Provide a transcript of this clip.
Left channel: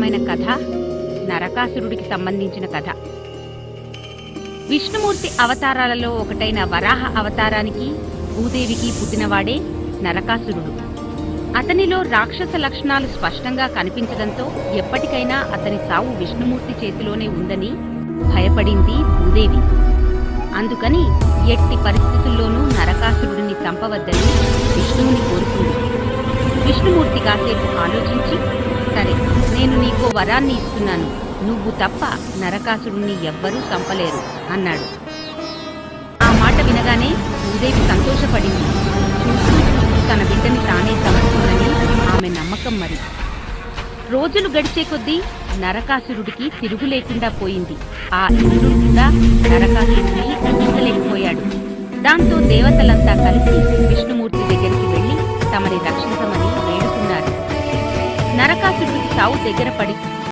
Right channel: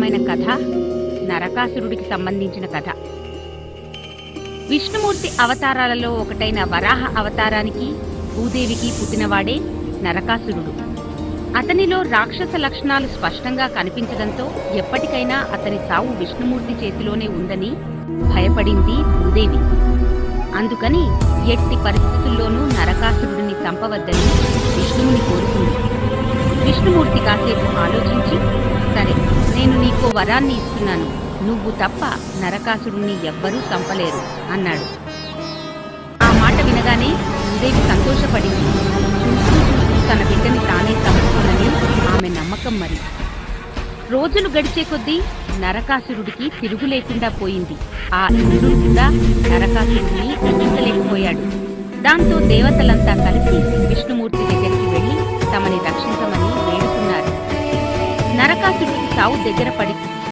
మైన కథ నరకాసురుడికి సంబంధించిన కథ. విష్ణుమూర్తి అవతారాలలో ఒకటైన వరాహ అవతారానికి భూదేవికి పుట్టినవాడే నరకాసురుడు. అతనిలో రాక్షస లక్షణాలు స్పష్టంగా కనిపించడంతో ఎప్పటికైనా అతని సావు విష్ణుమూర్తి చేతిలోనే ఉందని భయపడింది భూదేవి. అందుకని ఎట్టి పరిస్థితుల్లోనూ నరకాసురుడిని చంపవద్దని విష్ణువుని కోరుకుంది. విష్ణుమూర్తి కాసేపు ఆలోచించి సరే నేను నీకో వరాన్ని ఇస్తున్నాను. నువ్వు తప్ప నరకాసురుణ్ణి ఎవ్వరూ చంపలేరు అన్నాడు. ఆ మాట వినగానే భూదేవి సంతోషపడింది. చూస్తూ చూస్తూ తన బిడ్డని తానే చంపుకోనని ఆమె నమ్మకం మరి. రోజులు గడిచే కొద్దీ నరకాసురుడికి తిరుగు లేకుండా పోయింది. ఆ ఇంద్రుడు కూడా నరకాసురుడిని రక్షించలేకపోయాడు దాంతో దేవతలంతా కలిసి విష్ణుమూర్తి దగ్గరికి వెళ్ళి తమని రక్షించమని వేడుకున్నారు. నరకాసుడికి సావు దగ్గర పడి